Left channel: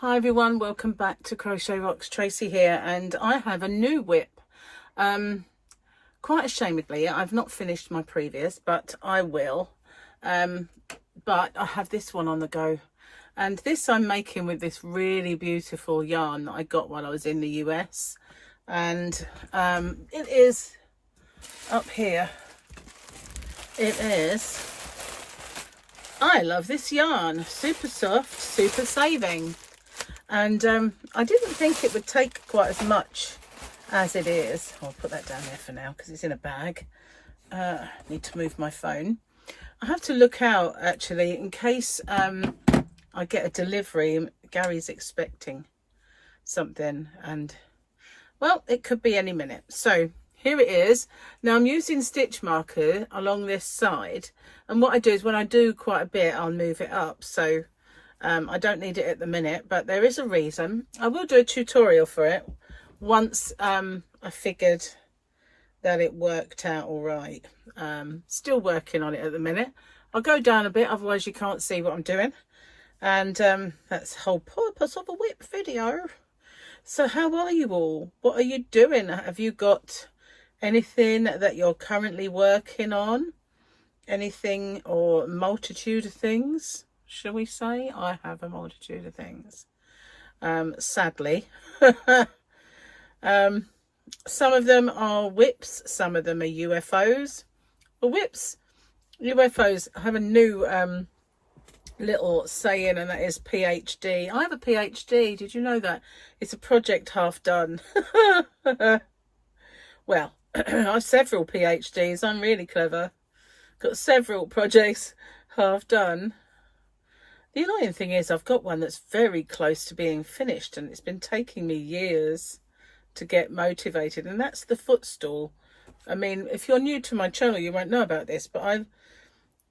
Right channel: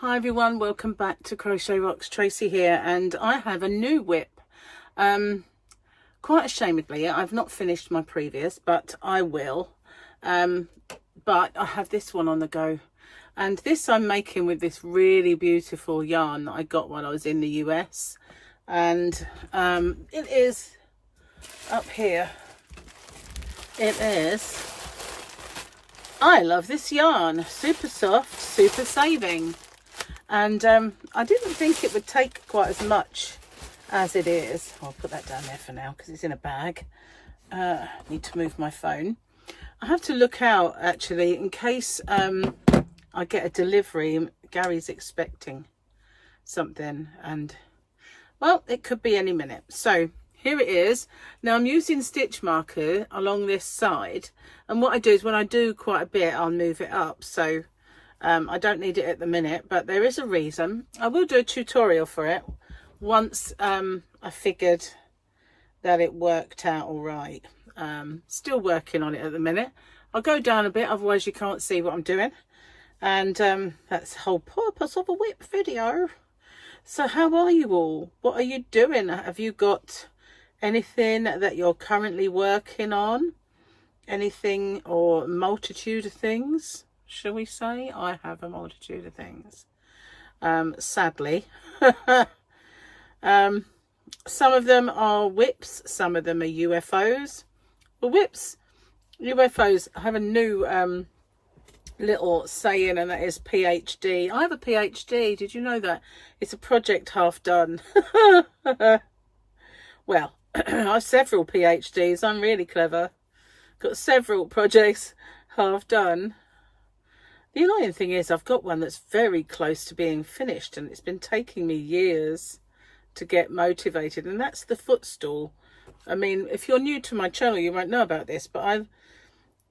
Hi everyone, welcome back to Crochet Rocks. Tracy here, and I have a new WIP. Quite ashamedly, I've not finished my previous, but I will. But I have this one on the go, and this I'm making with this really beautiful yarn that I got while I was in the US, and it is up here. It is. I love this yarn. Super soft, super saving. And I didn't think it would take quite as much as it is. I'll put that down there for now because it's in a bag. I need to move my phone. I have to look out actually in case I get a delivery. Gary's expecting something, and well, it could be any minute. So here it is. Now I'm using stitch marker along this side, and what I do is when I do quite a bit, I'll move it up. So I don't need it at the minute, but there is a reason. I will do a tutorial for it once I figured that it worked out all right. Still working on it at the minute. I'll go down a bit, otherwise you can't see what I'm doing. And that's the whole purpose of a WIP video. So how are you all? What are you doing? Have you got anything that you're currently working on? Anything or multitude of things? Shall we say? I have a multitude of things, sadly. Some of them are WIPs, some of them are UFOs. Well, WIPs, UFOs have a new little saying, and that is PhD. I have a PhD, did you know that? It's a project half done. Well, I have several PhDs, I'm really clever. Got several projects half done. The annoying thing is I've got one that's very close to being finished, and it's been taking me years to get motivated, and that's the footstool. I mean, if you're new to my channel, you won't know about this, but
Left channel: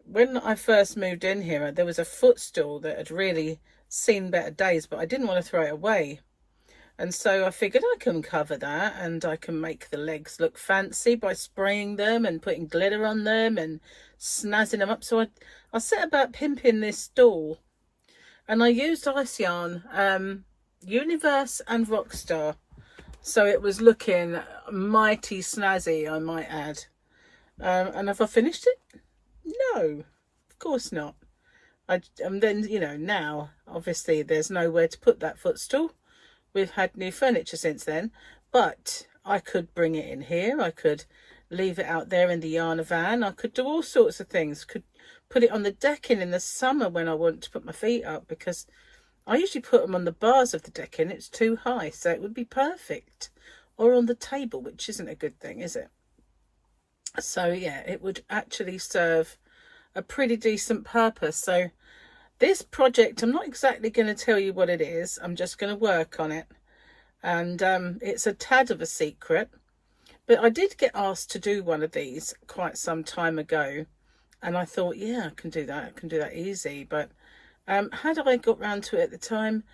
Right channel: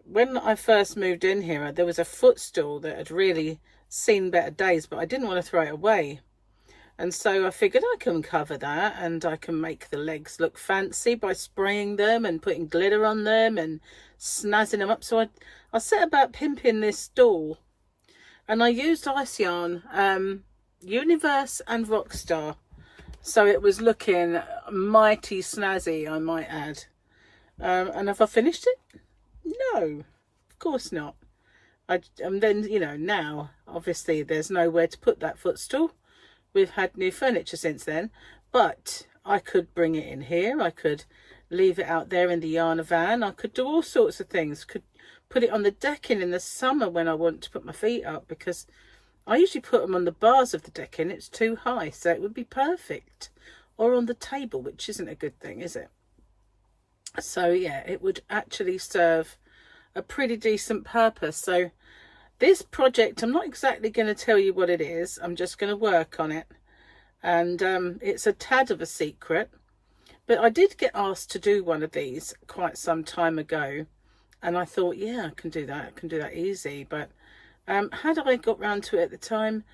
when I first moved in here, there was a footstool that had really seen better days, but I didn't want to throw it away. And so I figured I can cover that, and I can make the legs look fancy by spraying them and putting glitter on them and snazzing them up. So I set about pimping this stool. And I used ice yarn, Universe and Rockstar. So it was looking mighty snazzy, I might add. And have I finished it? No, of course not. And then, you know, now, obviously, there's nowhere to put that footstool. We've had new furniture since then. But I could bring it in here. I could leave it out there in the yarn van. I could do all sorts of things. Could put it on the decking in the summer when I want to put my feet up, because I usually put them on the bars of the decking. It's too high, so it would be perfect. Or on the table, which isn't a good thing, is it? So yeah, it would actually serve a pretty decent purpose. So this project, I'm not exactly going to tell you what it is. I'm just going to work on it. And it's a tad of a secret. But I did get asked to do one of these quite some time ago. And I thought, yeah, I can do that. I can do that easy. But had I got round to it at the time,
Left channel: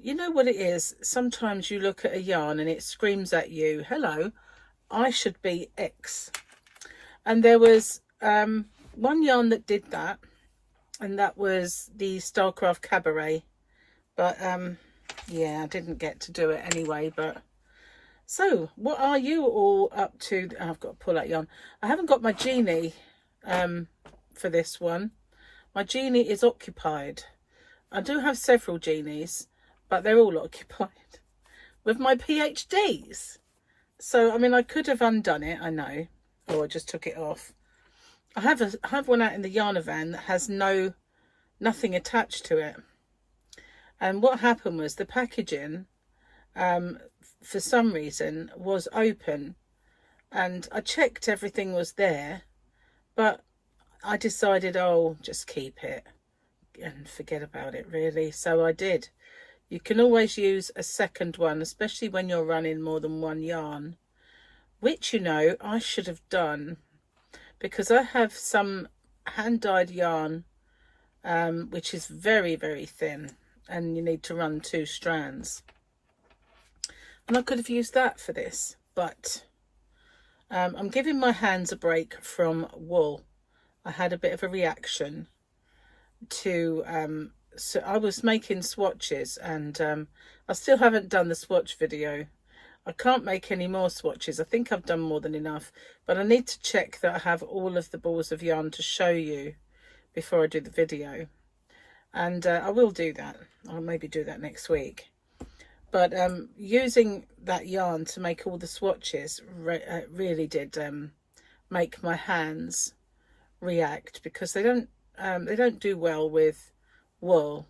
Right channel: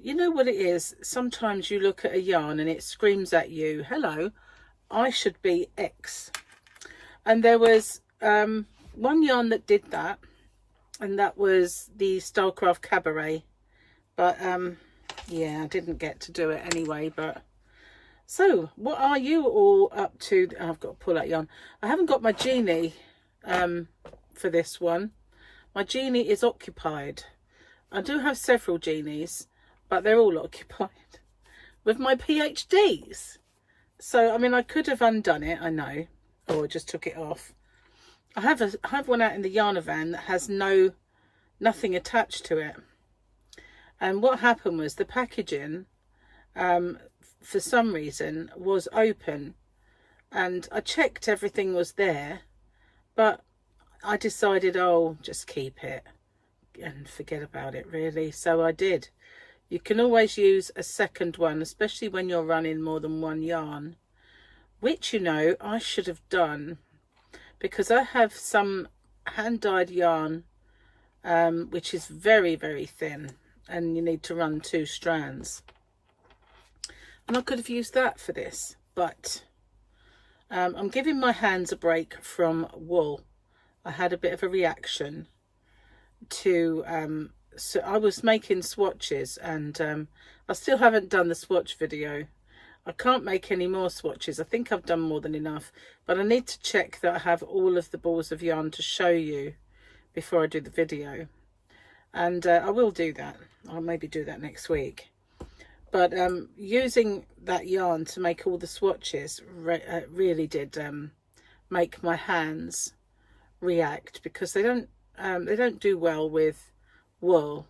you know what it is? Sometimes you look at a yarn and it screams at you, hello, I should be X. And there was one yarn that did that. And that was the Starcraft Cabaret. But yeah, I didn't get to do it anyway. But so what are you all up to? I've got to pull that yarn. I haven't got my genie for this one. My genie is occupied. I do have several genies, but they're all occupied with my PhDs. So I mean, I could have undone it, I know, or I just took it off. I have one out in the yarn van that has nothing attached to it. And what happened was the packaging for some reason was open, and I checked everything was there, but I decided, oh, just keep it and forget about it, really. So I did. You can always use a second one, especially when you're running more than one yarn, which, you know, I should have done, because I have some hand-dyed yarn which is very, very thin, and you need to run 2 strands. And I could have used that for this, but I'm giving my hands a break from wool. I had a bit of a reaction to so I was making swatches, and I still haven't done the swatch video. I can't make any more swatches. I think I've done more than enough, but I need to check that I have all of the balls of yarn to show you before I do the video. And I will do that. I'll maybe do that next week. But using that yarn to make all the swatches really did make my hands react, because they don't do well with wool.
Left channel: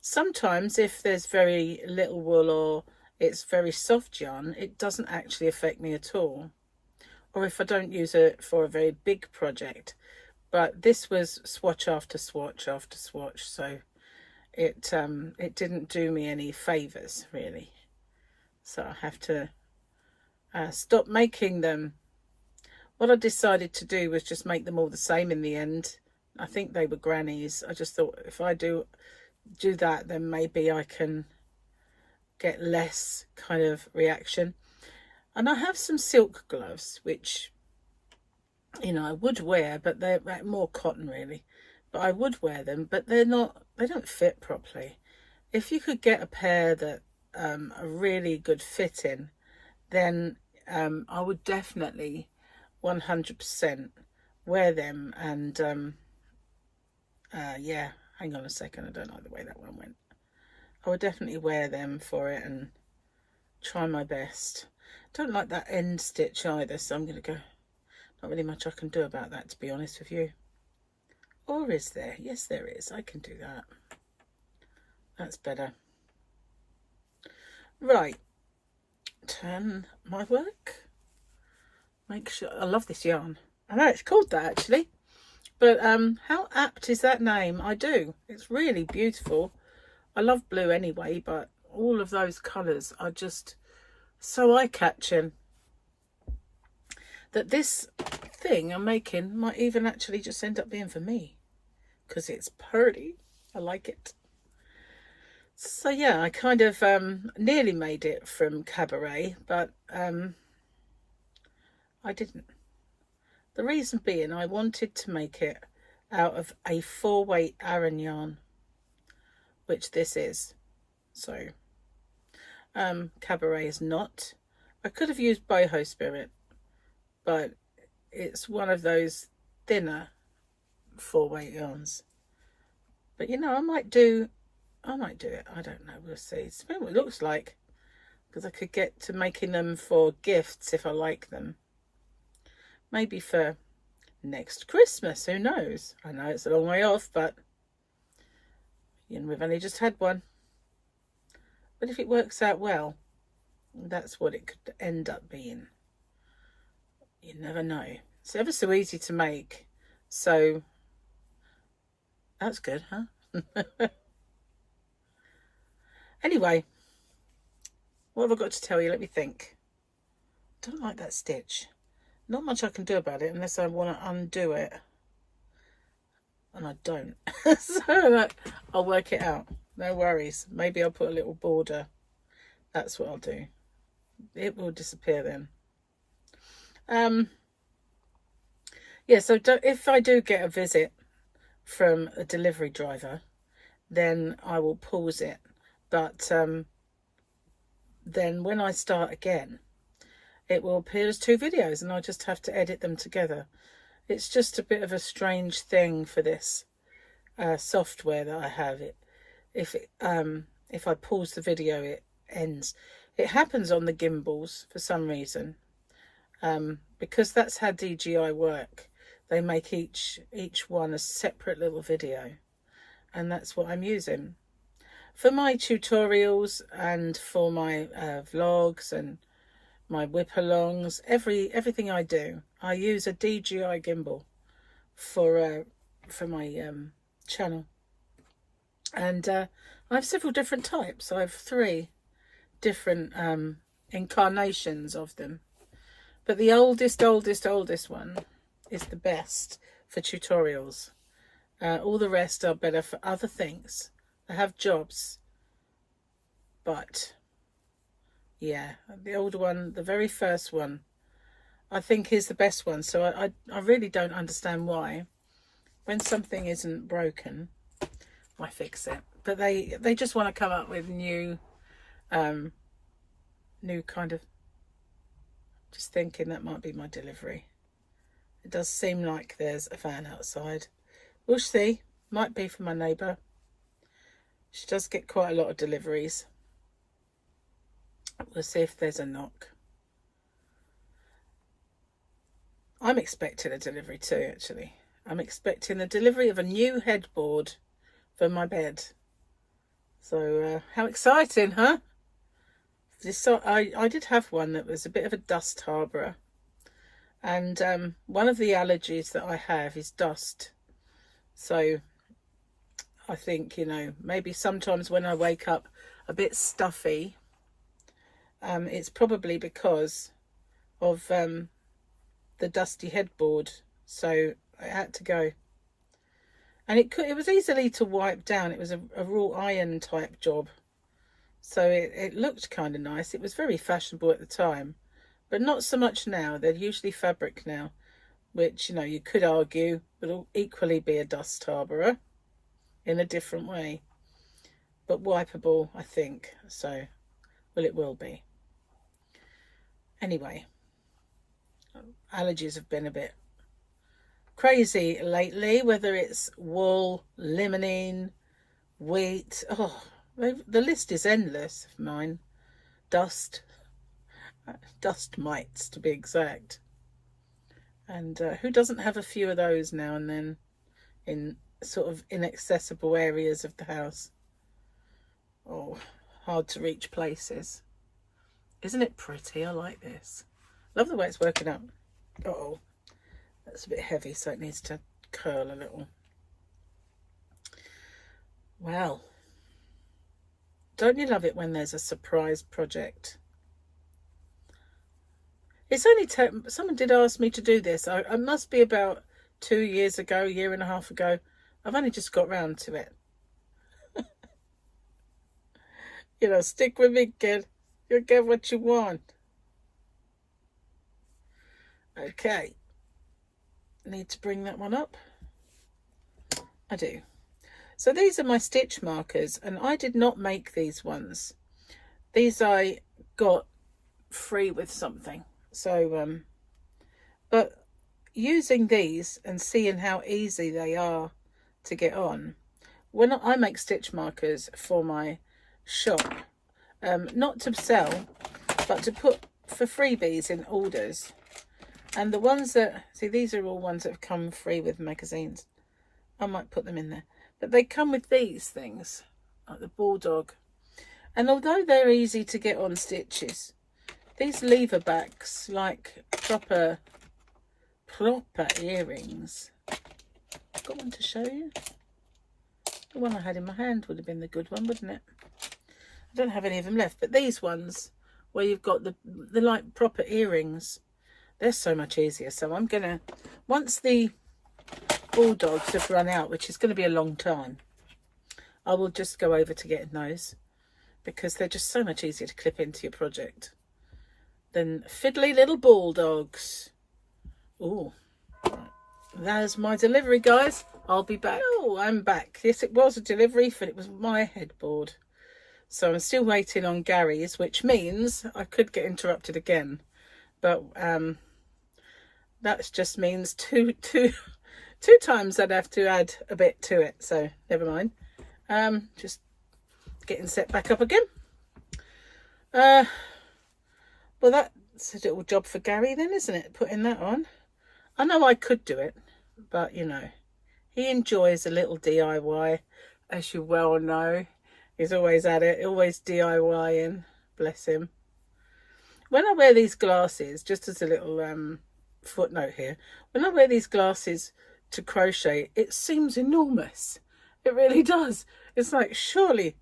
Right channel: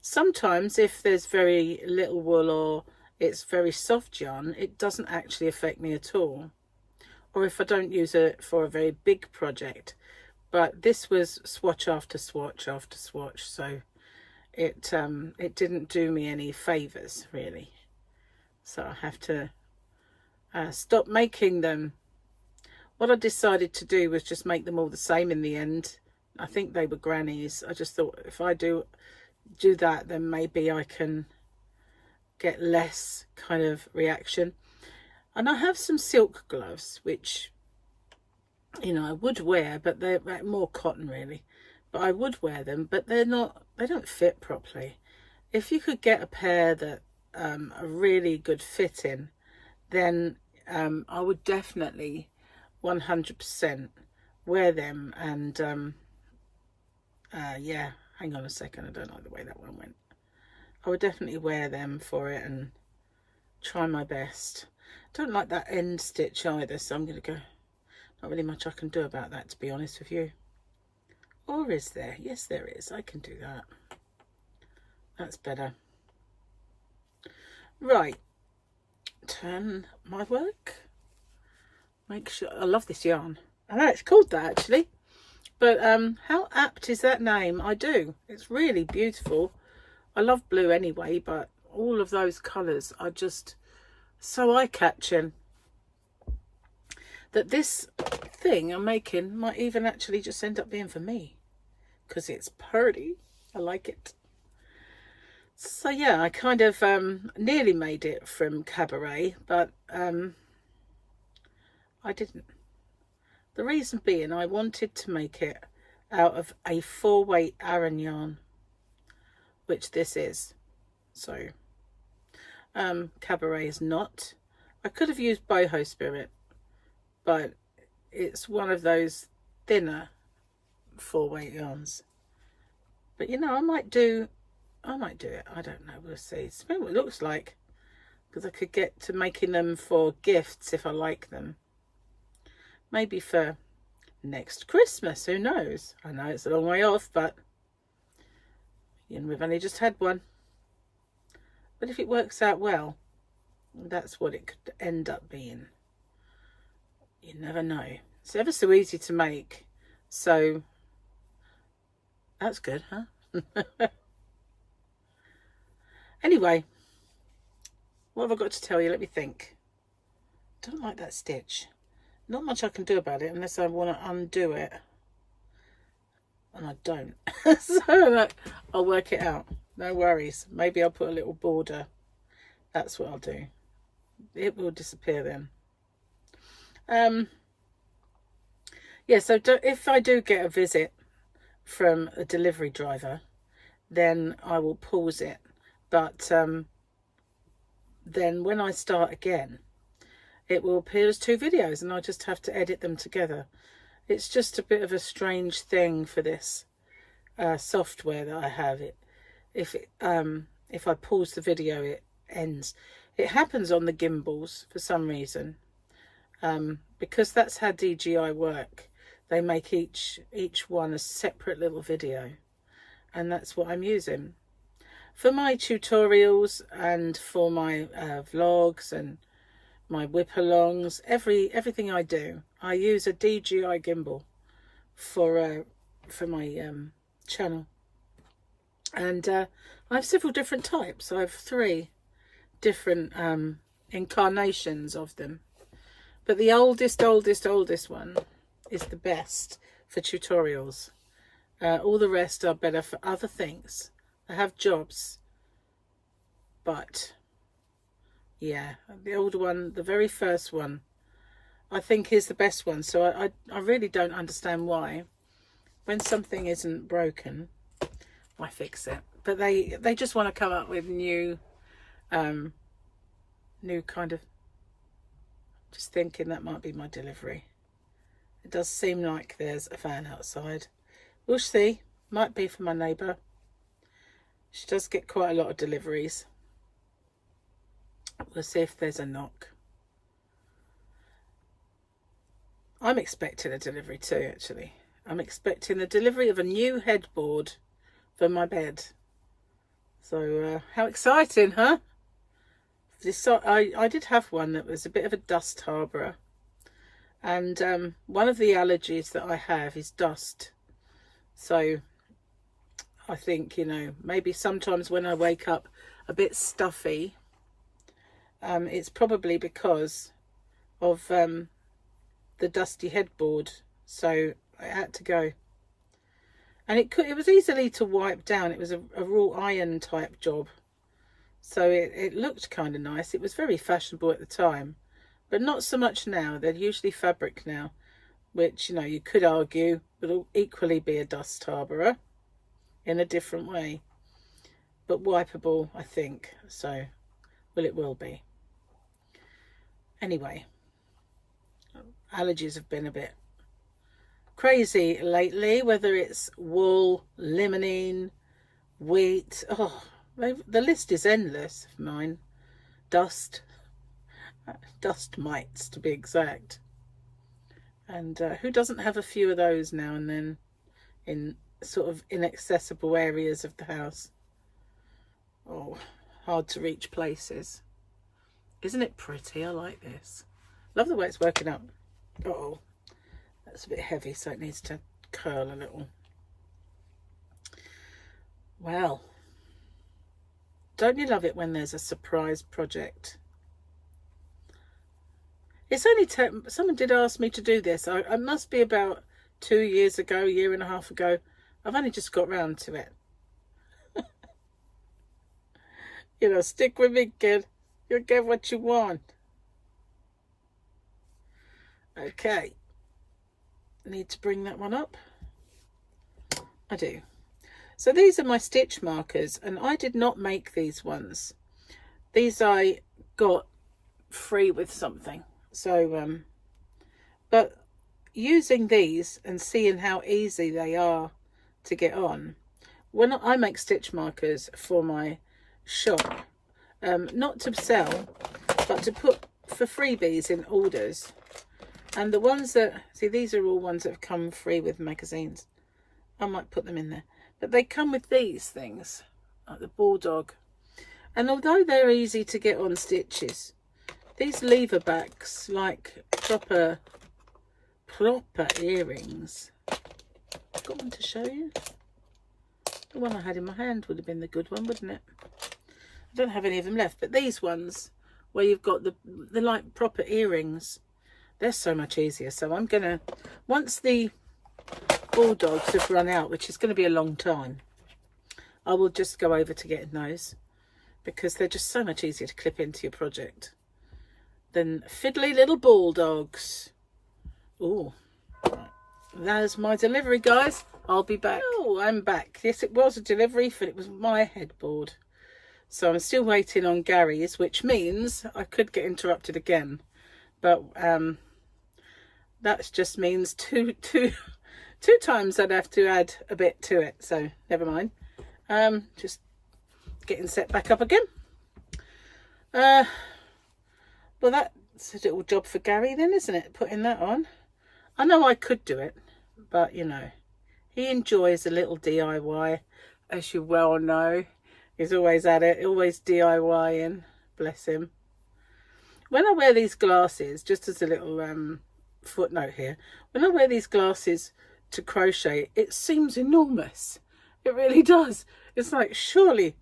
Sometimes if there's very little wool or it's very soft yarn, it doesn't actually affect me at all, or if I don't use it for a very big project. But this was swatch after swatch after swatch, so it didn't do me any favors really. So I have to stop making them. What I decided to do was just make them all the same in the end. I think they were grannies. I just thought if I do that, then maybe I can get less kind of reaction. And I have some silk gloves, which, you know, I would wear, but they're more cotton really. But I would wear them, but they don't fit properly. If you could get a pair that are really good fitting, then I would definitely 100% wear them. And yeah, hang on a second, I don't like the way that one went. I would definitely wear them for it and try my best. Don't like that end stitch either, so I'm going to go. Not really much I can do about that, to be honest with you. Or is there? Yes, there is. I can do that. That's better. Right. Turn my work. Make sure. I love this yarn. I know it's called that actually. But how apt is that name? I do. It's really beautiful. I love blue anyway, but all of those colours are just so eye-catching that this thing I'm making might even actually just end up being for me, because it's pretty. I like it. So yeah, I kind of nearly made it from Cabaret, but I didn't. The reason being, I wanted to make it out of a 4-weight Aran yarn, which this is. So Cabaret is not. I could have used Boho Spirit, but it's one of those thinner 4-weight yarns. But you know, I might do it. I don't know, we'll see. It's what it looks like, because I could get to making them for gifts if I like them. Maybe for next Christmas, who knows? I know it's a long way off, but you know, we've only just had one. But if it works out well, that's what it could end up being. You never know. It's ever so easy to make, so that's good, huh? Anyway, what have I got to tell you? Let me think. Don't like that stitch. Not much I can do about it unless I want to undo it, and I don't. So I'll work it out. No worries. Maybe I'll put a little border. That's what I'll do. It will disappear then. Yeah, so if I do get a visit from a delivery driver, then I will pause it. But then when I start again, it will appear as 2 videos, and I just have to edit them together. It's just a bit of a strange thing for this software that I have. If I pause the video, it ends. It happens on the gimbals for some reason, because that's how DJI work. They make each one a separate little video, and that's what I'm using for my tutorials and for my vlogs and my Wipalongs. Everything I do, I use a DJI gimbal for my channel. And I have several different types. I have 3 different incarnations of them, but the oldest one is the best for tutorials. All the rest are better for other things. I have jobs, but yeah, the older one, the very first one, I think is the best one. So I really don't understand why, when something isn't broken I fix it. But they just want to come up with new kind of, just thinking that might be my delivery. It does seem like there's a fan outside. We'll see. Might be for my neighbour. She does get quite a lot of deliveries. We'll see if there's a knock. I'm expecting a delivery too, actually. I'm expecting the delivery of a new headboard for my bed. So, how exciting, huh? I did have one that was a bit of a dust harbourer. And one of the allergies that I have is dust. So I think, you know, maybe sometimes when I wake up a bit stuffy, it's probably because of the dusty headboard. So I had to go. And it was easily to wipe down. It was a raw iron type job. So it looked kind of nice. It was very fashionable at the time. But not so much now. They're usually fabric now, which, you know, you could argue will equally be a dust harbourer in a different way. But wipeable, I think. So, well, it will be. Anyway, allergies have been a bit crazy lately, whether it's wool, limonene, wheat. Oh, the list is endless of mine. Dust mites, to be exact. And who doesn't have a few of those now and then in sort of inaccessible areas of the house? Oh, hard to reach places. Isn't it pretty? I like this. Love the way it's working up. Uh-oh, that's a bit heavy, so it needs to curl a little. Well, don't you love it when there's a surprise project? It's only someone did ask me to do this. I must be about 2 years ago, year and a half ago. I've only just got round to it. You know, stick with me, kid. You'll get what you want. Okay. Need to bring that one up. I do. So these are my stitch markers, and I did not make these ones. These I got free with something. So, but using these and seeing how easy they are to get on, when I make stitch markers for my shop, not to sell, but to put for freebies in orders. And the ones that, see, these are all ones that have come free with magazines. I might put them in there. But they come with these things, like the Bulldog. And although they're easy to get on stitches, these lever backs, like proper earrings. I've got one to show you. The one I had in my hand would have been the good one, wouldn't it? I don't have any of them left, but these ones where you've got the like proper earrings, they're so much easier. So I'm gonna, once the Bulldogs have run out, which is going to be a long time, I will just go over to getting those, because they're just so much easier to clip into your project than fiddly little Bulldogs. Oh, there's my delivery, guys. I'll be back. Oh, I'm back. Yes, it was a delivery, but it was my headboard. So I'm still waiting on Gary's, which means I could get interrupted again. But that just means two times I'd have to add a bit to it. So never mind. Just getting set back up again. Well, that's a little job for Gary then, isn't it? Putting that on. I know I could do it, but you know, he enjoys a little DIY, as you well know. He's always at it, always DIYing, bless him. When I wear these glasses, just as a little footnote here, when I wear these glasses to crochet, it seems enormous. It really does. It's like, surely,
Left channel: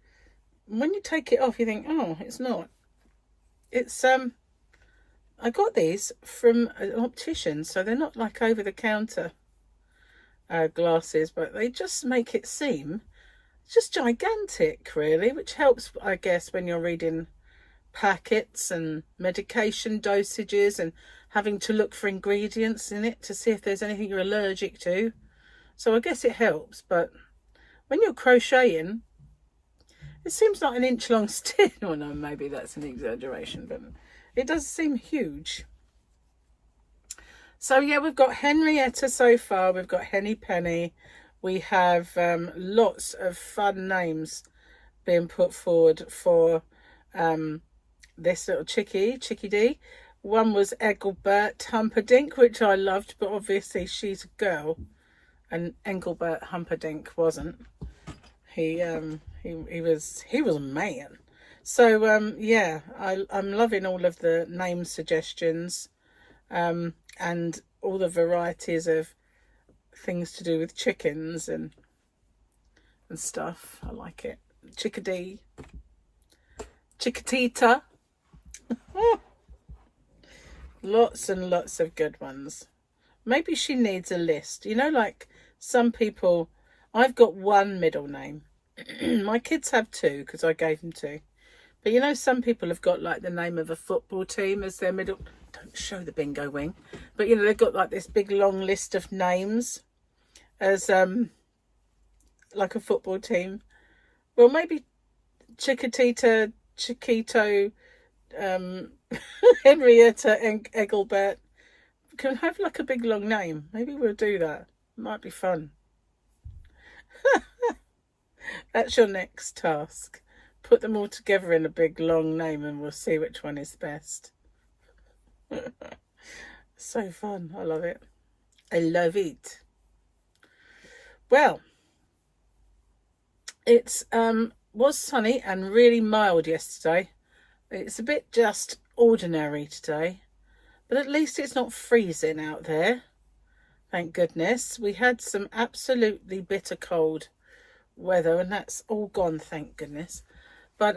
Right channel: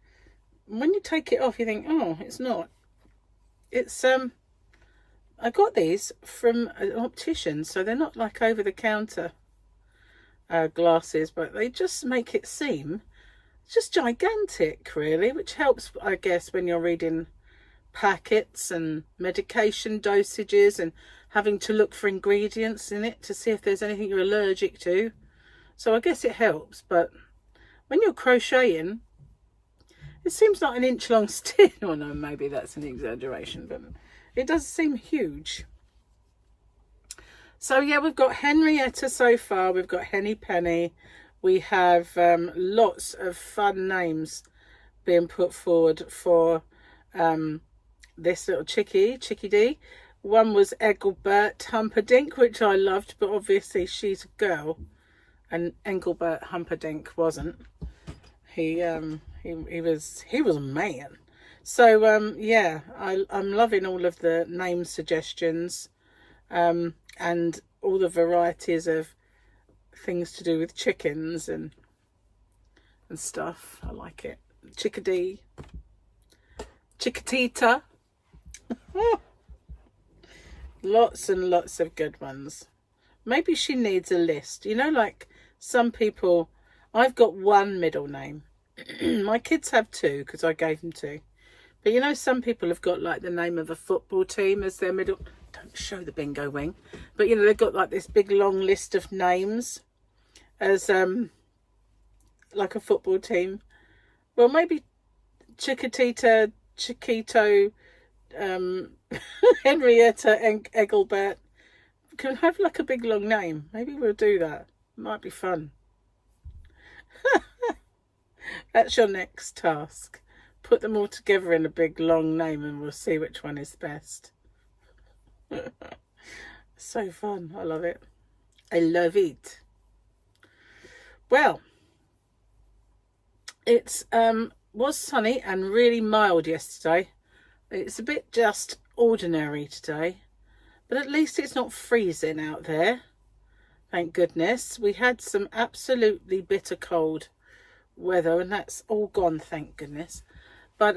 when you take it off, you think, oh, it's not. It's, I got these from an optician, so they're not like over-the-counter glasses, but they just make it seem just gigantic, really, which helps, I guess, when you're reading packets and medication dosages and having to look for ingredients in it to see if there's anything you're allergic to. So I guess it helps, but when you're crocheting, it seems like an inch long stitch. Oh no, maybe that's an exaggeration, but it does seem huge. So yeah, we've got Henrietta so far. We've got Henny Penny. We have lots of fun names being put forward for this little Chickadee. One was Engelbert Humperdinck, which I loved, but obviously she's a girl, and Engelbert Humperdinck wasn't. He was a man. So yeah, I'm loving all of the name suggestions, and all the varieties of things to do with chickens and stuff. I like it. Chickadee, Chickatita. Lots and lots of good ones. Maybe she needs a list. You know, like some people, I've got one middle name. My kids have two because I gave them two. But you know, some people have got like the name of a football team as their middle. Don't show the bingo wing. But you know, they've got like this big long list of names as like a football team. Well, maybe Chiquitita, Chiquito, Henrietta and Engelbert can have like a big long name. Maybe we'll do that. Might be fun. That's your next task. Put them all together in a big long name and we'll see which one is best. So fun. I love it. I love it. Well, it's was sunny and really mild yesterday. It's a bit just ordinary today, but at least it's not freezing out there. Thank goodness. We had some absolutely bitter cold weather and that's all gone, thank goodness. But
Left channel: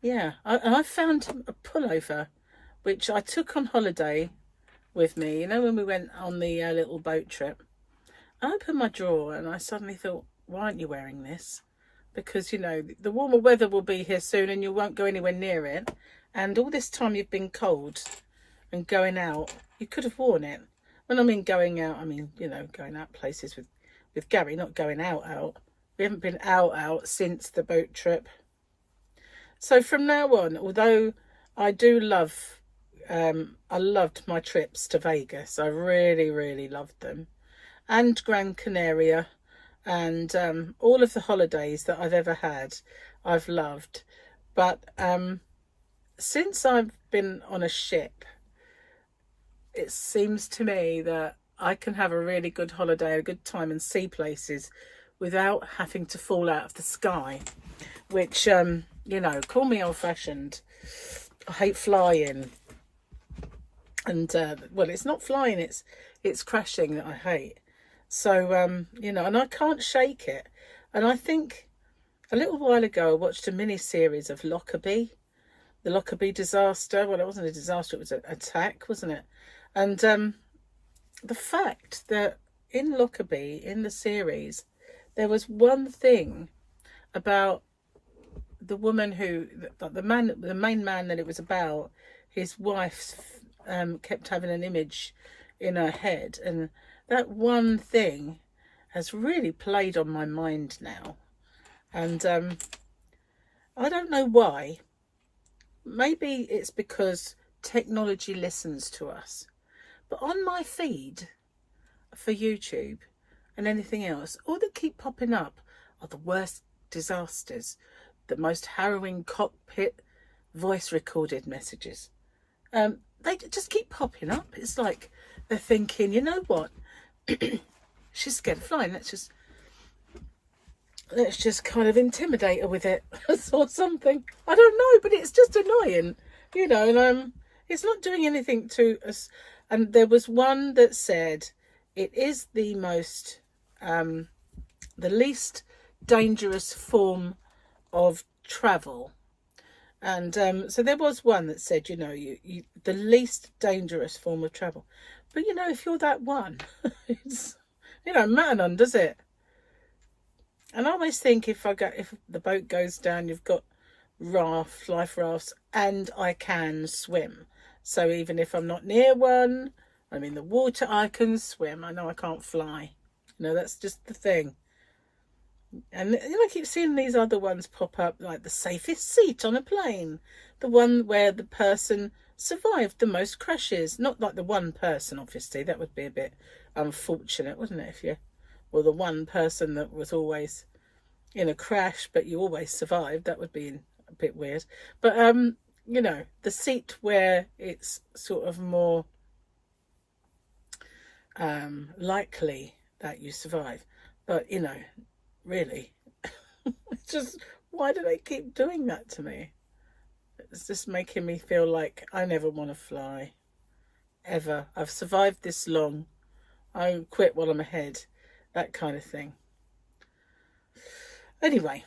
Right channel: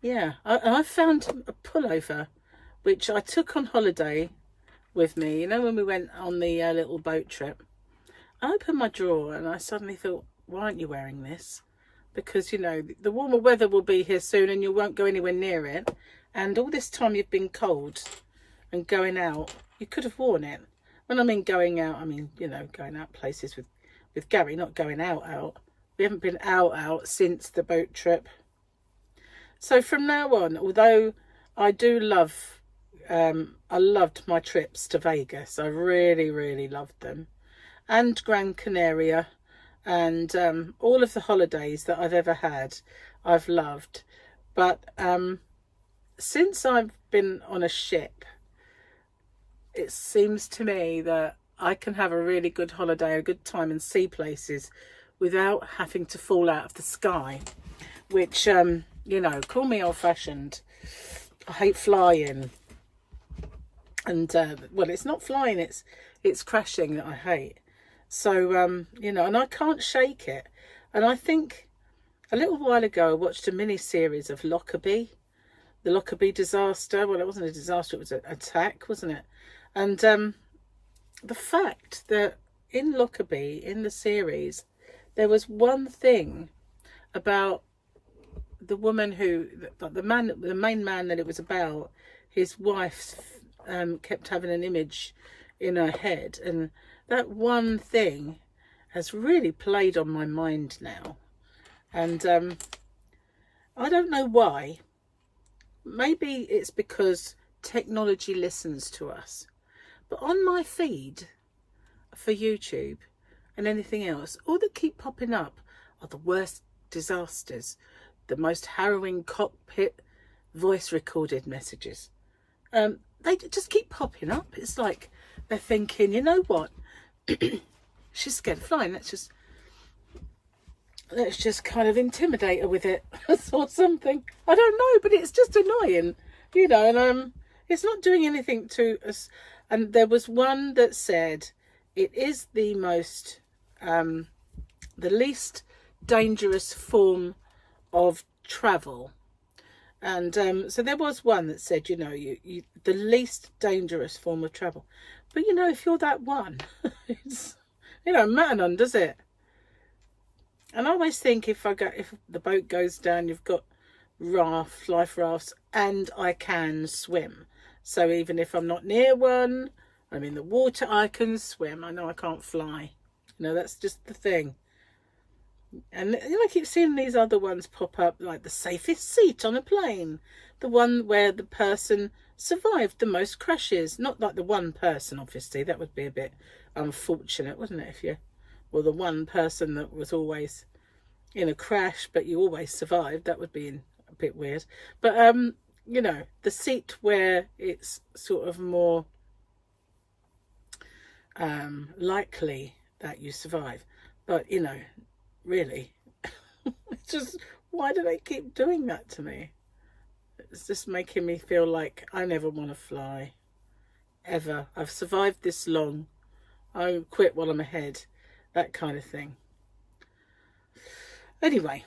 yeah, I found a pullover which I took on holiday with me, you know, when we went on the little boat trip. I opened my drawer and I suddenly thought, why aren't you wearing this? Because, you know, the warmer weather will be here soon and you won't go anywhere near it. And all this time you've been cold and going out, you could have worn it. When I mean going out, I mean, you know, going out places with Gary, not going out. We haven't been out since the boat trip. So from now on, although I do love, I loved my trips to Vegas. I really, really loved them. And Gran Canaria. And all of the holidays that I've ever had, I've loved. But since I've been on a ship, it seems to me that I can have a really good holiday, a good time and see places without having to fall out of the sky. Which, you know, call me old-fashioned. I hate flying. And, well, it's not flying, it's crashing that I hate. So, you know, and I can't shake it. And I think a little while ago, I watched a mini-series of Lockerbie, the Lockerbie disaster. Well, it wasn't a disaster, it was an attack, wasn't it? And the fact that in Lockerbie, in the series, there was one thing about the woman who, the main man that it was about, his wife kept having an image in her head, and that one thing has really played on my mind now. And I don't know why. Maybe it's because technology listens to us. But on my feed for YouTube and anything else, all that keep popping up are the worst disasters, the most harrowing cockpit voice recorded messages. They just keep popping up. It's like they're thinking, you know what? She's scared of flying. Let's just kind of intimidate her with it or something. I don't know, but it's just annoying, you know. And it's not doing anything to us. And there was one that said it is the most, the least dangerous form of travel. And so there was one that said, you know, you the least dangerous form of travel. But, you know, if you're that one, it's, you know, matter none, does it? And I always think if the boat goes down, you've got life rafts, and I can swim. So even if I'm not near one, I'm in the water, I can swim. I know I can't fly. You know, that's just the thing. And I keep seeing these other ones pop up, like the safest seat on a plane, the one where the person survived the most crashes. Not like the one person, obviously, that would be a bit unfortunate, wouldn't it, if you, well, the one person that was always in a crash but you always survived, that would be a bit weird. But you know, the seat where it's sort of more likely that you survive. But you know, really, it's just, why do they keep doing that to me? It's just making me feel like I never want to fly ever. I've survived this long, I quit while I'm ahead, that kind of thing. Anyway,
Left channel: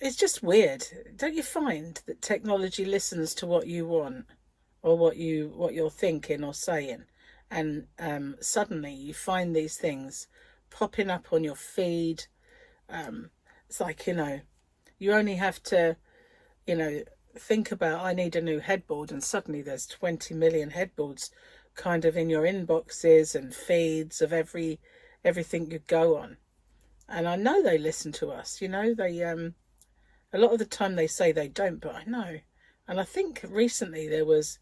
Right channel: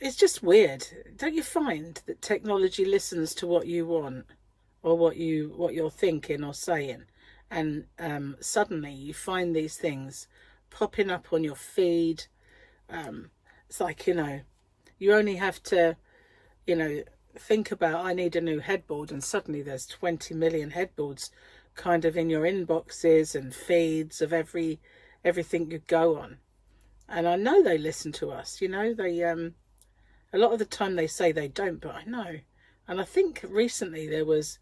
it's just weird. Don't you find that technology listens to what you want, or what you're thinking or saying, and suddenly you find these things popping up on your feed. It's like, you know, you only have to, you know, think about, I need a new headboard, and suddenly there's 20 million headboards kind of in your inboxes and feeds of everything you go on. And I know they listen to us, you know, they a lot of the time they say they don't, but I know. And I think recently there was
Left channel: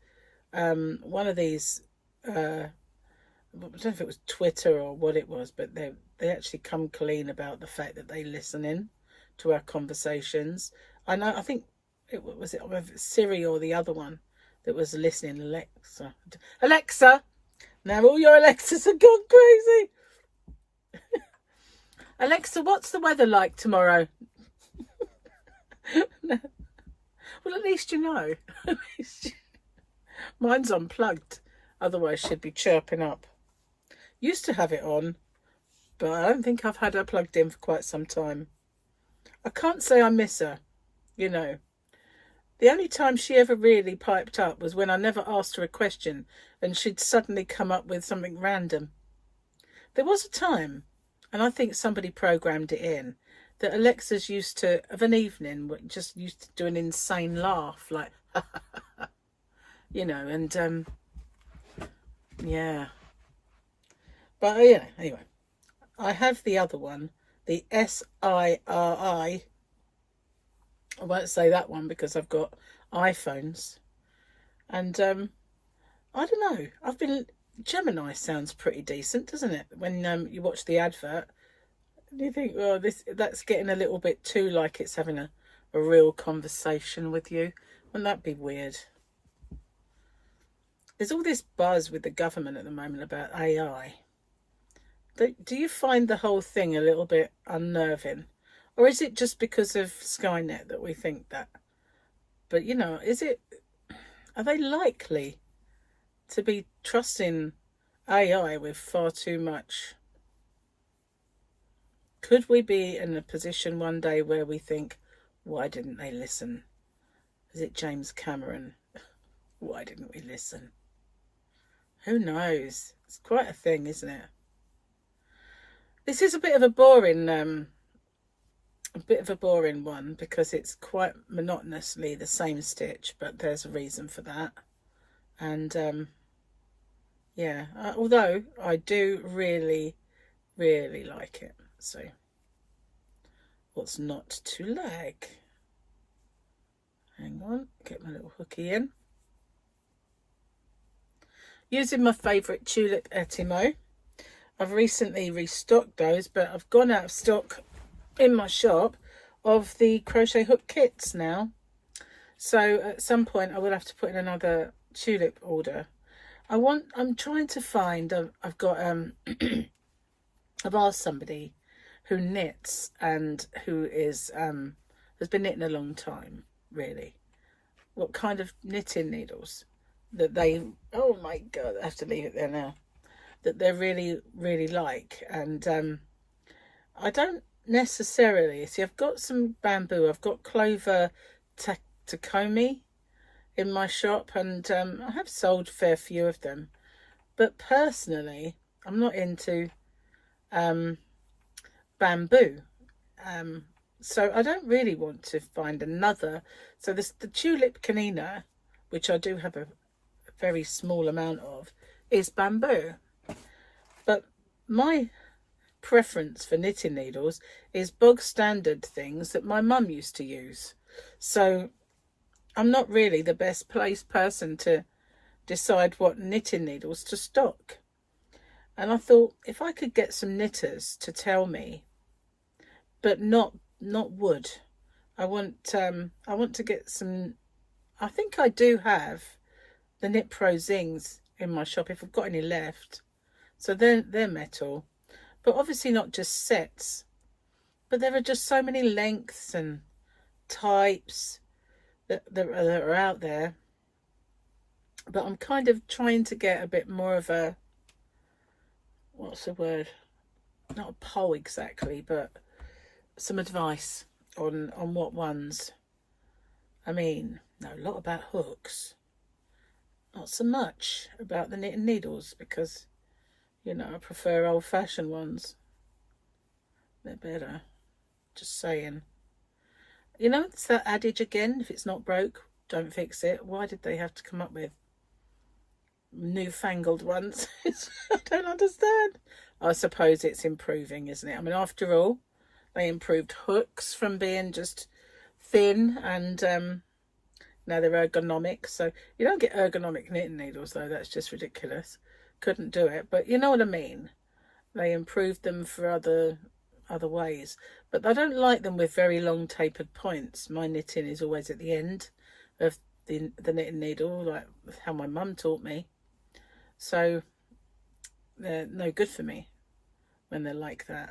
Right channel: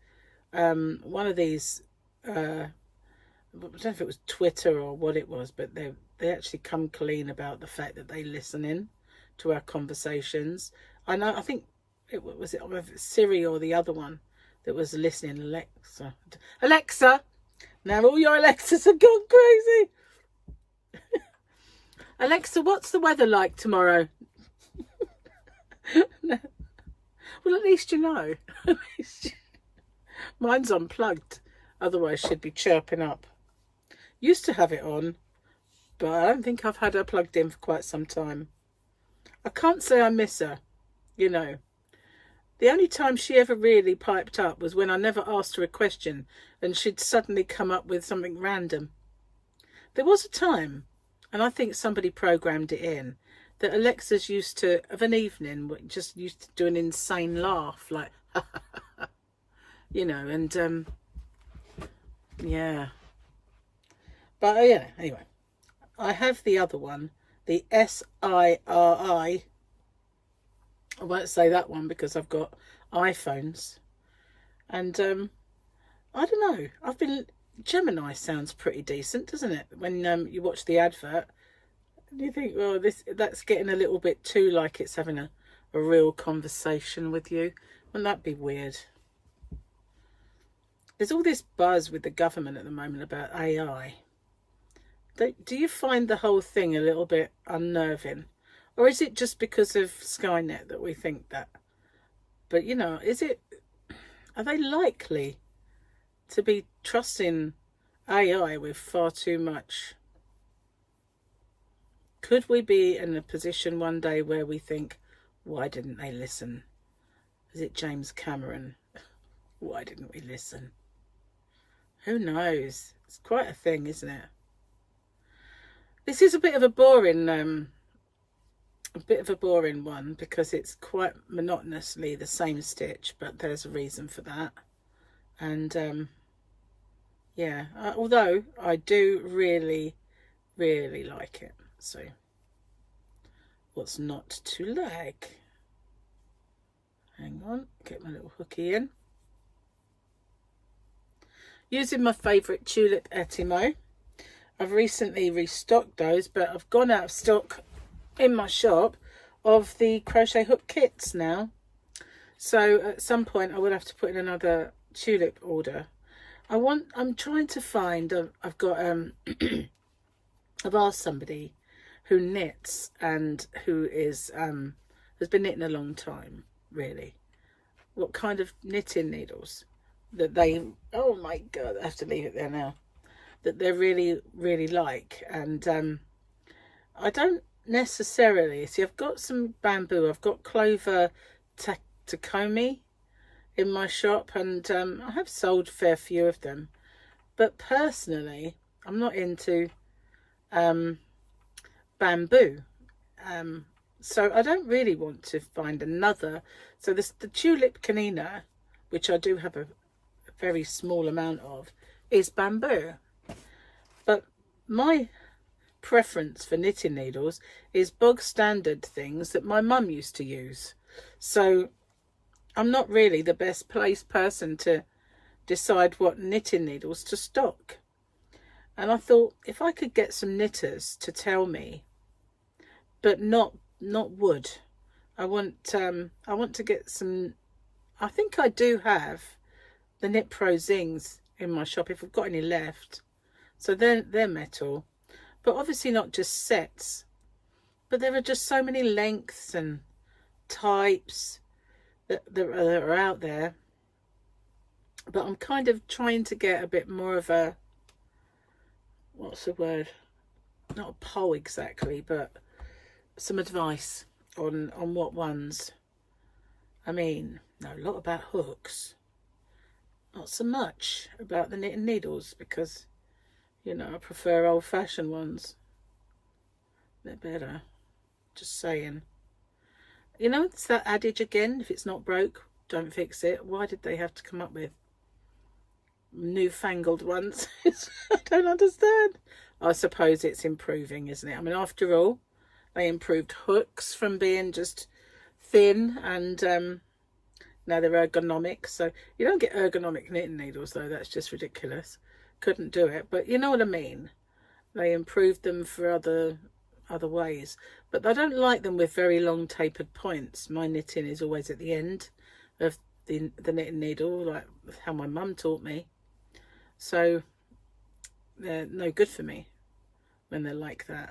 one of these, I don't know if it was Twitter or what it was, but they actually come clean about the fact that they listen in to our conversations. I know, I think it was Siri or the other one that was listening. Alexa, now all your Alexas have gone crazy. Alexa, what's the weather like tomorrow? No. Well, at least you know. Mine's unplugged, otherwise she'd be chirping up. Used to have it on, but I don't think I've had her plugged in for quite some time. I can't say I miss her, you know. The only time she ever really piped up was when I never asked her a question and she'd suddenly come up with something random. There was a time, and I think somebody programmed it in, that Alexa's used to, of an evening, just used to do an insane laugh, like, you know, and, yeah. But, yeah, anyway. I have the other one, the SIRI. I won't say that one because I've got iPhones. And, I don't know. Gemini sounds pretty decent, doesn't it? When you watch the advert, you think, well, that's getting a little bit too like it's having a real conversation with you. Wouldn't that be weird? There's all this buzz with the government at the moment about AI. Do you find the whole thing a little bit unnerving? Or is it just because of Skynet that we think that? But, you know, are they likely to be trusting AI with far too much? Could we be in a position one day where we think, why didn't they listen? Is it James Cameron? Why didn't we listen? Who knows? It's quite a thing, isn't it? This is a bit of a boring one because it's quite monotonously the same stitch, but there's a reason for that. And yeah, although I do really, really like it. So what's not to like? Hang on, get my little hooky in. Using my favourite tulip Etimo. I've recently restocked those, but I've gone out of stock in my shop of the crochet hook kits now. So at some point I will have to put in another tulip order. I'm trying to find, I've got, I've asked somebody who knits and who is, has been knitting a long time, really, what kind of knitting needles that they, oh my God, I have to leave it there now, that they really, really like. And I don't necessarily, see, I've got some bamboo, I've got clover takomi in my shop, and I have sold a fair few of them, but personally I'm not into bamboo, so I don't really want to find another. So the tulip canina, which I do have a very small amount of, is bamboo, but my preference for knitting needles is bog standard things that my mum used to use. So I'm not really the best placed person to decide what knitting needles to stock. And I thought, if I could get some knitters to tell me, but not wood. I want to get some. I think I do have the Knit Pro Zings in my shop if I've got any left. So they're metal, but obviously not just sets. But there are just so many lengths and types that are out there. But I'm kind of trying to get a bit more of a, what's the word? Not a poll exactly, but some advice on what ones. I mean, know a lot about hooks, not so much about the knitting needles, because, you know, I prefer old-fashioned ones. They're better. Just saying. You know, it's that adage again, if it's not broke, don't fix it. Why did they have to come up with newfangled ones? I don't understand. I suppose it's improving, isn't it? I mean, after all, they improved hooks from being just thin, and now they're ergonomic. So you don't get ergonomic knitting needles, though. That's just ridiculous. Couldn't do it. But you know what I mean. They improved them for other ways. But I don't like them with very long tapered points. My knitting is always at the end of the knitting needle, like how my mum taught me. So they're no good for me when they're like that.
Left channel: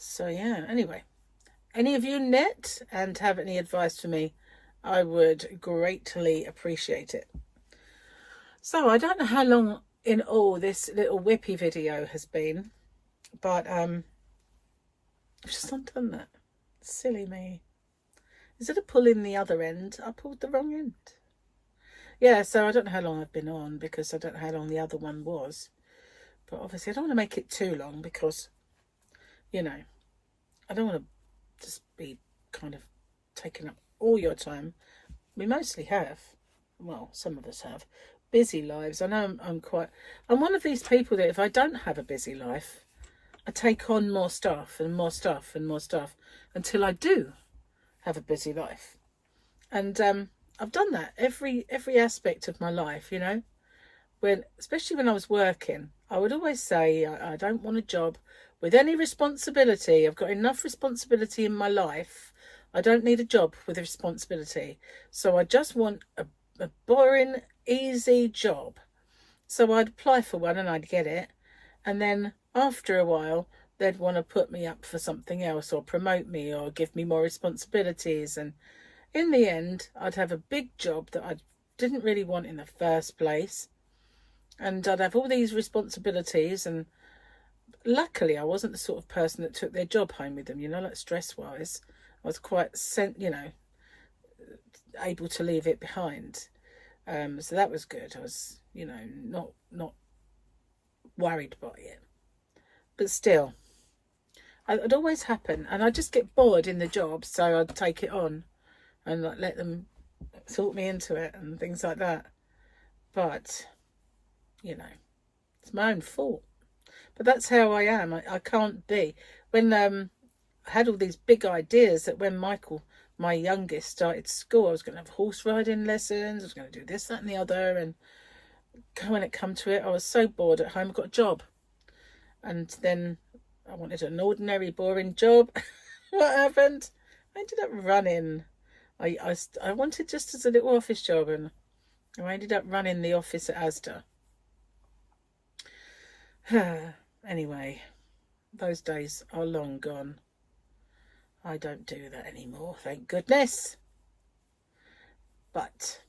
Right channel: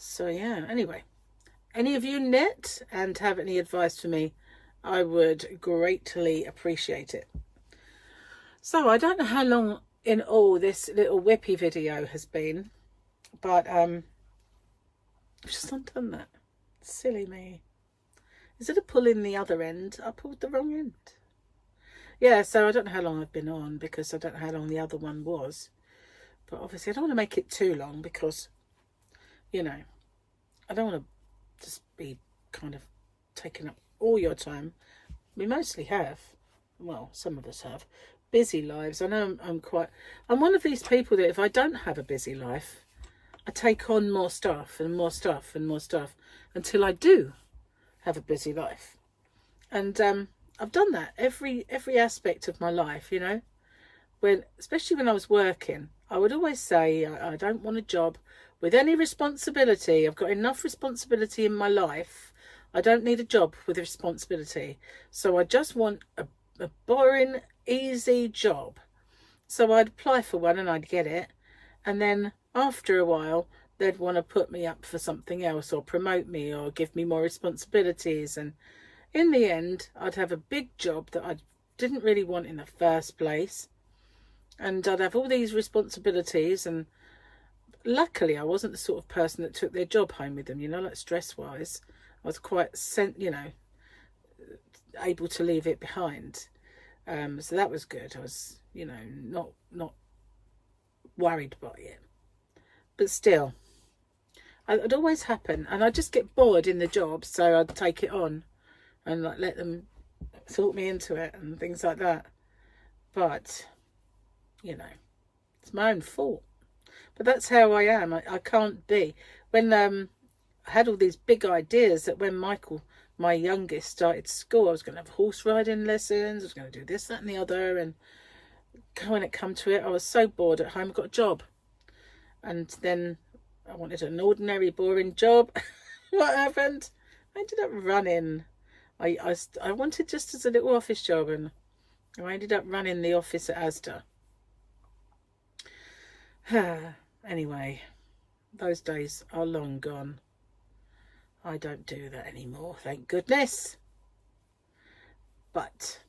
So yeah, anyway, any of you knit and have any advice for me, I would greatly appreciate it. So I don't know how long in all this little whippy video has been, but I've just undone that. Silly me. Instead of pulling the other end, I pulled the wrong end. Yeah, so I don't know how long I've been on, because I don't know how long the other one was. But obviously I don't want to make it too long, because, you know, I don't want to just be kind of taking up all your time. We mostly have, well, some of us have, busy lives. I know I'm one of these people that if I don't have a busy life, I take on more stuff and more stuff and more stuff until I do have a busy life. And I've done that every aspect of my life, you know. Especially when I was working, I would always say I don't want a job with any responsibility. I've got enough responsibility in my life. I don't need a job with a responsibility. So I just want a boring, easy job. So I'd apply for one and I'd get it. And then after a while, they'd want to put me up for something else, or promote me, or give me more responsibilities. And in the end, I'd have a big job that I didn't really want in the first place. And I'd have all these responsibilities, and luckily I wasn't the sort of person that took their job home with them, you know, like stress-wise. I was quite, you know, able to leave it behind. So that was good. I was, you know, not worried by it. But still, it'd always happen, and I'd just get bored in the job, so I'd take it on and like let them sort me into it and things like that. But you know, it's my own fault. But that's how I am. I can't be. When I had all these big ideas that when Michael, my youngest, started school, I was going to have horse riding lessons, I was going to do this, that and the other. And when it come to it, I was so bored at home, I got a job. And then I wanted an ordinary, boring job. What happened? I ended up running. I wanted just as a little office job, and I ended up running the office at Asda. Anyway, those days are long gone. I don't do that anymore, thank goodness. But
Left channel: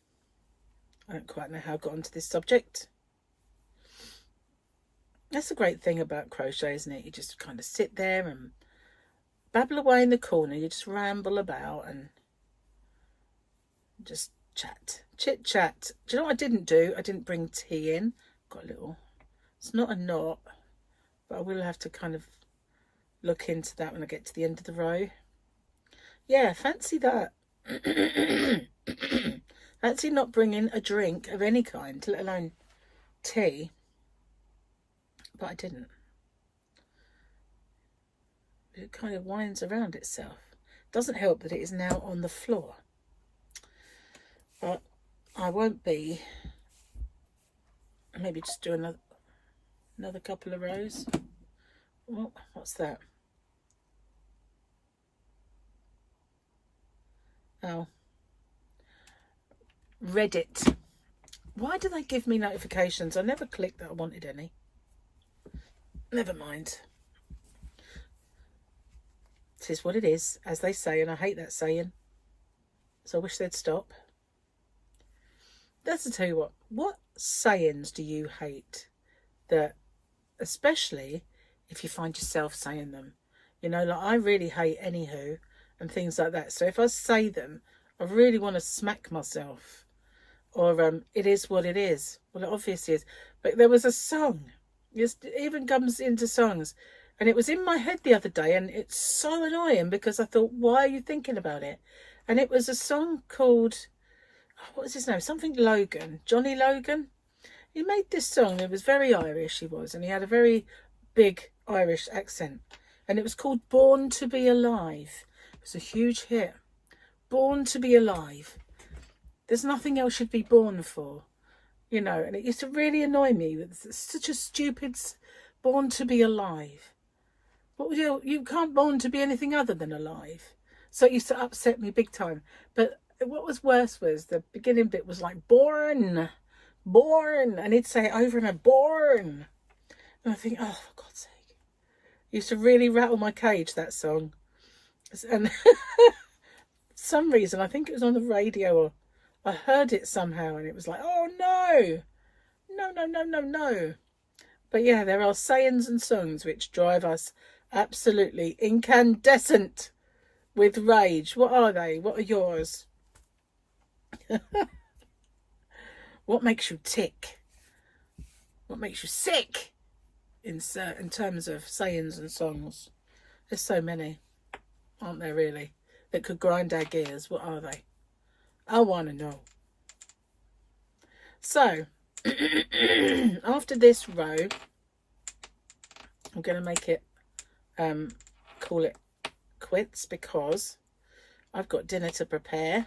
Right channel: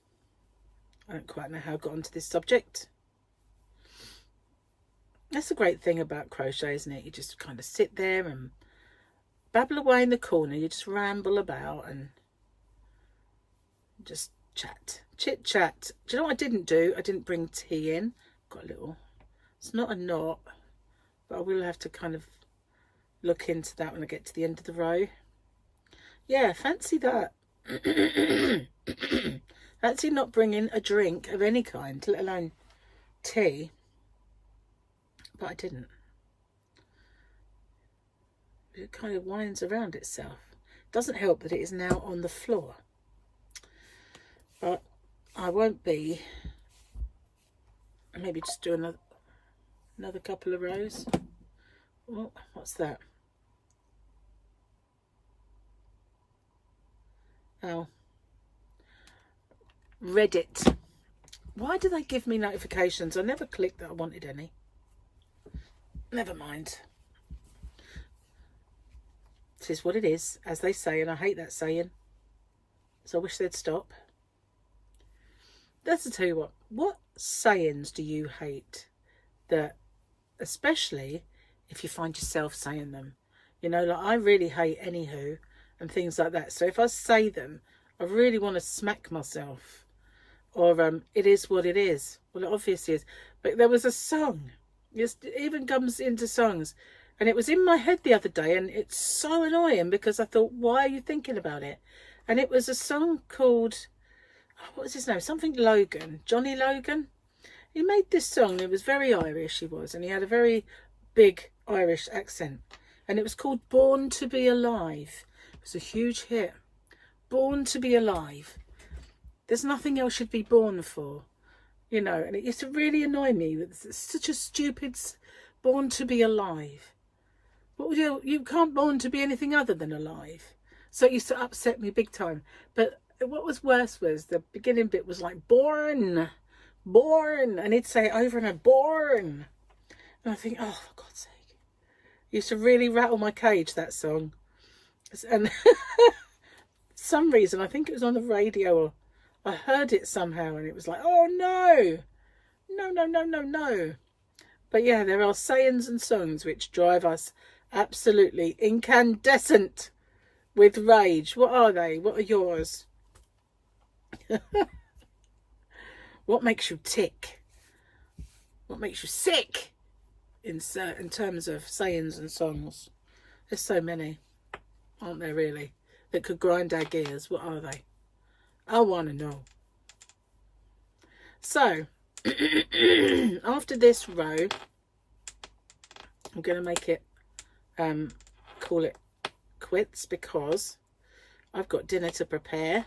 I don't quite know how I got onto this subject. That's a great thing about crochet, isn't it? You just kind of sit there and babble away in the corner. You just ramble about and just chat, chit chat. Do you know what I didn't do? I didn't bring tea in. Got a little, it's not a knot, but I will have to kind of look into that when I get to the end of the row. Yeah, fancy that. Fancy not bringing a drink of any kind, let alone tea. But I didn't. it kind of winds around itself. Doesn't help that it is now on the floor. But I won't be. Maybe just do another couple of rows. Oh, what's that? Oh, Reddit. Why do they give me notifications? I never clicked that I wanted any. Never mind. This is what it is, as they say, and I hate that saying. So I wish they'd stop. Let's tell you what sayings do you hate? That, especially if you find yourself saying them. You know, like I really hate anywho and things like that. So if I say them, I really want to smack myself. Or it is what it is. Well, it obviously is. But there was a song. It even comes into songs. And it was in my head the other day. And it's so annoying because I thought, why are you thinking about it? And it was a song called, what was his name? Something Logan. Johnny Logan. He made this song. It was very Irish, he was. And he had a very big Irish accent. And it was called Born to Be Alive. It was a huge hit. Born to Be Alive. There's nothing else you'd be born for, you know, and it used to really annoy me. It's such a stupid born to be alive. But you can't born to be anything other than alive. So it used to upset me big time. But what was worse was the beginning bit was like born, and he'd say it over and over, born. And I think, oh, for God's sake. It used to really rattle my cage, that song. And for some reason, I think it was on the radio or I heard it somehow and it was like, oh no. But yeah, there are sayings and songs which drive us absolutely incandescent with rage. What are they? What are yours? What makes you tick? What makes you sick? In terms of sayings and songs. There's so many, aren't there really, that could grind our gears. What are they? I want to know. So, after this row, I'm going to make it, call it quits because I've got dinner to prepare.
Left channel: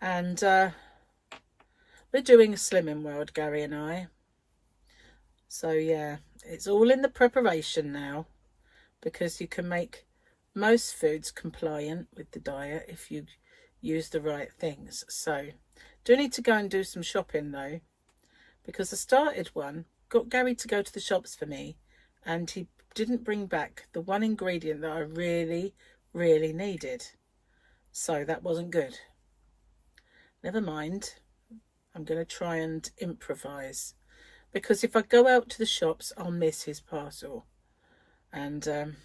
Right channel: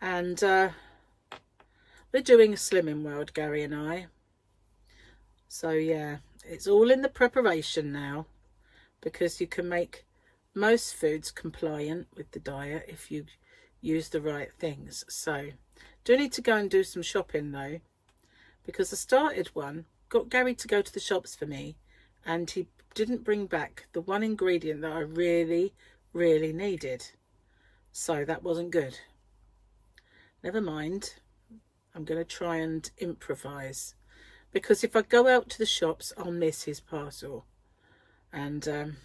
And we're doing a Slimming World, Gary and I. So, yeah, it's all in the preparation now because you can make most foods compliant with the diet if you use the right things. So do need to go and do some shopping though, because I started one, got Gary to go to the shops for me, and he didn't bring back the one ingredient that I really needed. So that wasn't good. Never mind, I'm going to try and improvise, because if I go out to the shops I'll miss his parcel. And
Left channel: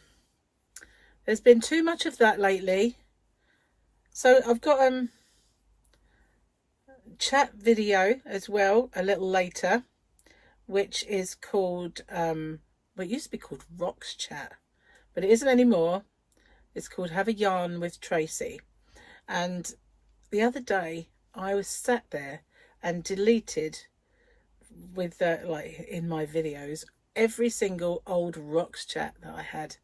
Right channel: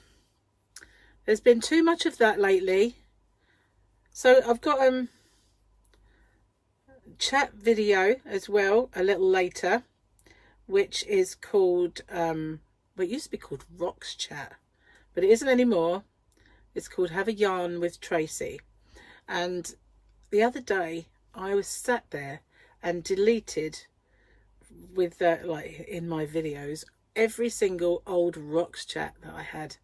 there's been too much of that lately. So I've got chat video as well a little later, which is called well, it used to be called Rocks Chat, but it isn't anymore. It's called Have a Yarn with Tracy. And the other day I was sat there and deleted with like in my videos every single old Rocks Chat that I had,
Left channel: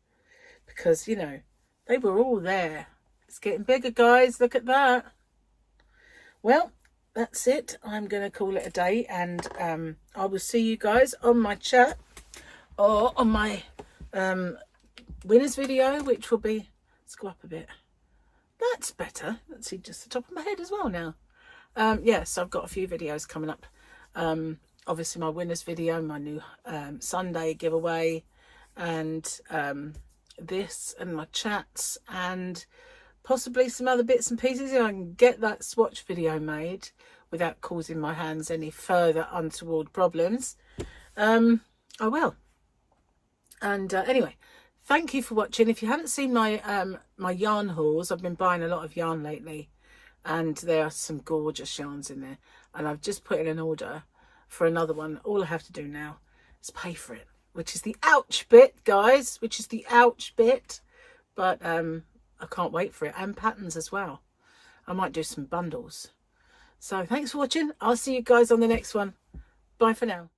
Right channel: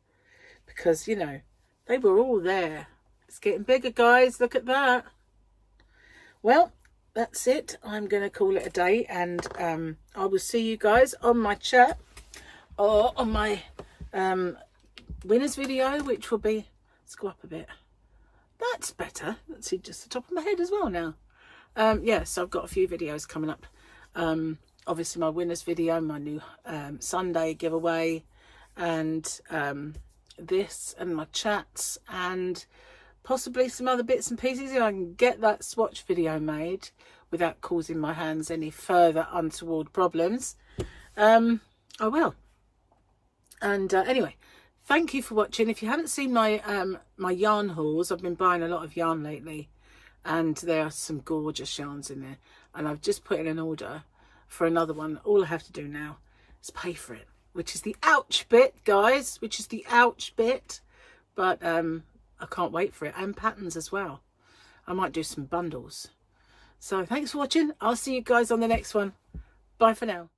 because you know they were all there. It's getting bigger, guys. Look at that. Well, that's it. I'm going to call it a day, and I will see you guys on my chat or on my winners video, which will be, let's go up a bit. That's better. Let's see, just the top of my head as well now. Yes, I've got a few videos coming up. Obviously my winners video, my new Sunday giveaway, and this and my chats, and possibly some other bits and pieces if I can get that swatch video made without causing my hands any further untoward problems. I will. And anyway, thank you for watching. If you haven't seen my my yarn hauls, I've been buying a lot of yarn lately, and there are some gorgeous yarns in there, and I've just put in an order for another one. All I have to do now is pay for it, which is the ouch bit, guys, which is the ouch bit. But I can't wait for it, and patterns as well. I might do some bundles. So thanks for watching. I'll see you guys on the next one. Bye for now.